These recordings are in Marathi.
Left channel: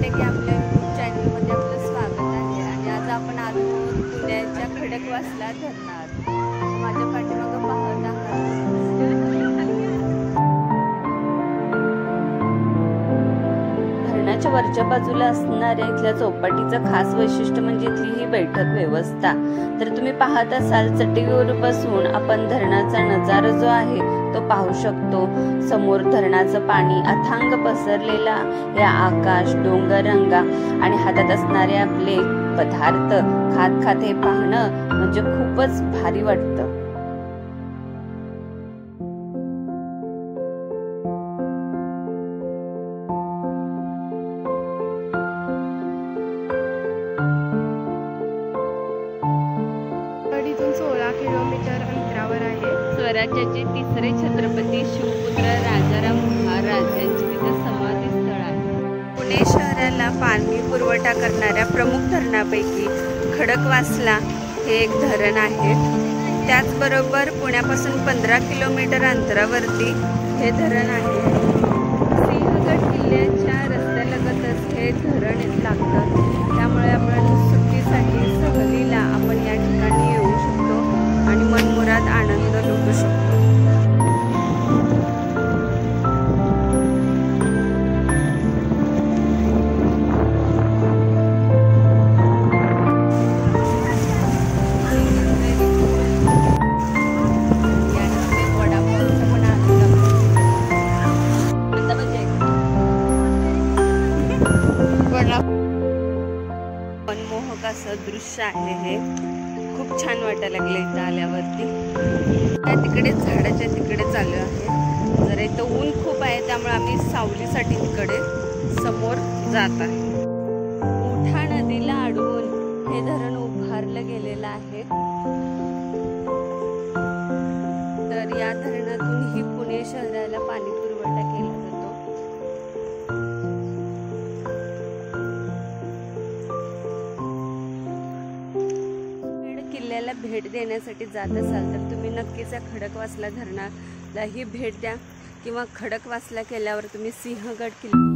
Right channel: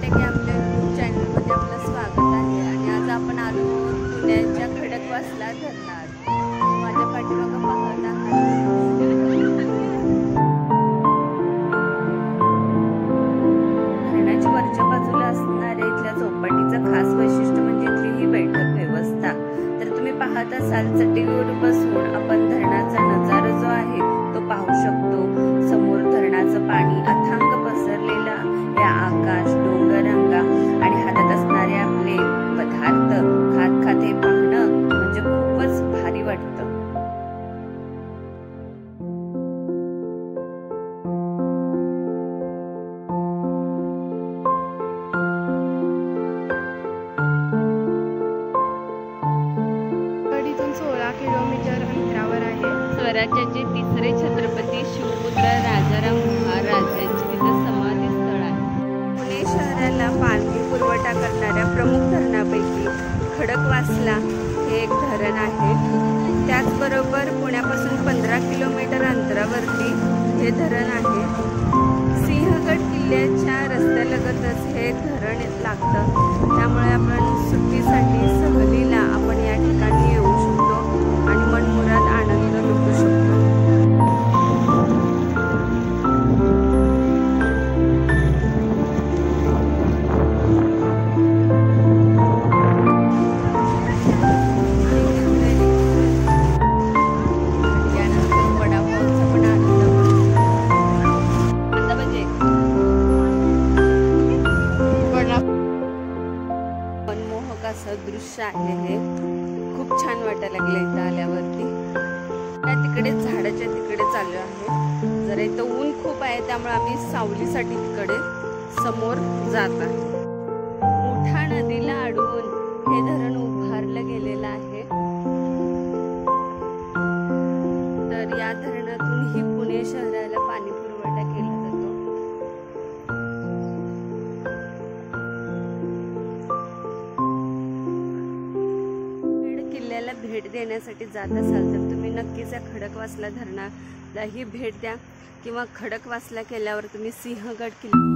टेक या आपल्या यूट्यूब चॅनलमध्ये आपलं स्वागत आहे। आणि आज आपण आलो पुण्याच्या खडकवासला धरणात। माझ्या पाठीमागं पाहत आहात धरणाच्या वरच्या बाजूला असणाऱ्या इथल्या चौपाटीचं खास वैशिष्ट्य म्हणजे इथली ही बैठक व्यवस्था। तर तुम्ही पाहत असाल चटईवर बसून आपण धरणाचा नजारा जो आहे तो पाहू शकतो। समोर धरणाचं पाणी अथांग पसरलेला, या आकाश, डोंगररांगा आणि हातात असणारे आपले पदार्थ खात खात हे पाहणं म्हणजे खूपच भारी वाटतं। इथून 16 किलोमीटर अंतरावर आहे। स्वराज्याचे तिसरे छत्रपती शिवपुत्र राजाराम महाराज यांचे तिथे समाधी स्थळ आहे। पुणे शहराला पाणी पुरवठा करणाऱ्या प्रमुख धरणापैकी खडकवासला हे एक धरण आहे। त्याचबरोबर पुण्यापासून 15 किलोमीटर अंतरावरती हे धरण आहे। सिंहगड किल्ल्याच्या रस्त्यालगतच हे धरण लागतं, त्यामुळे आपण सुट्टीसाठी सहलीला आपण या ठिकाणी येऊ शकतो आणि मनमुराद आनंद लुटू शकतो। यानंतर वडापावचा पण आनंद मनमोहक असं दृश्य आहे हे। खूप छान वाटायला लागलं इथं आल्यावरती। त्या तिकडे झाडाच्या तिकडे चालू आहे। जरा इथं ऊन खूप आहे, त्यामुळे आम्ही सावलीसाठी तिकडे समोर जात आहे। मुठा नदीला अडवून हे धरण उभारलं गेलेलं आहे। तर या धरणातून ही पुणे शहराला पाणी पुरवठा केला जातो। किल्ल्याला भेट देण्यासाठी जात असाल तर तुम्ही नक्कीच या खडकवासला धरणाला ही भेट द्या, किंवा खडकवासला केल्यावर तुम्ही सिंहगड किल्ला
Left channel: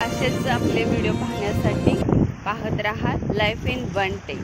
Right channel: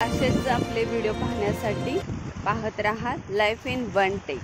असेच आपले व्हिडिओ पाहण्यासाठी पाहत रहा लाईफ इन वन टेक।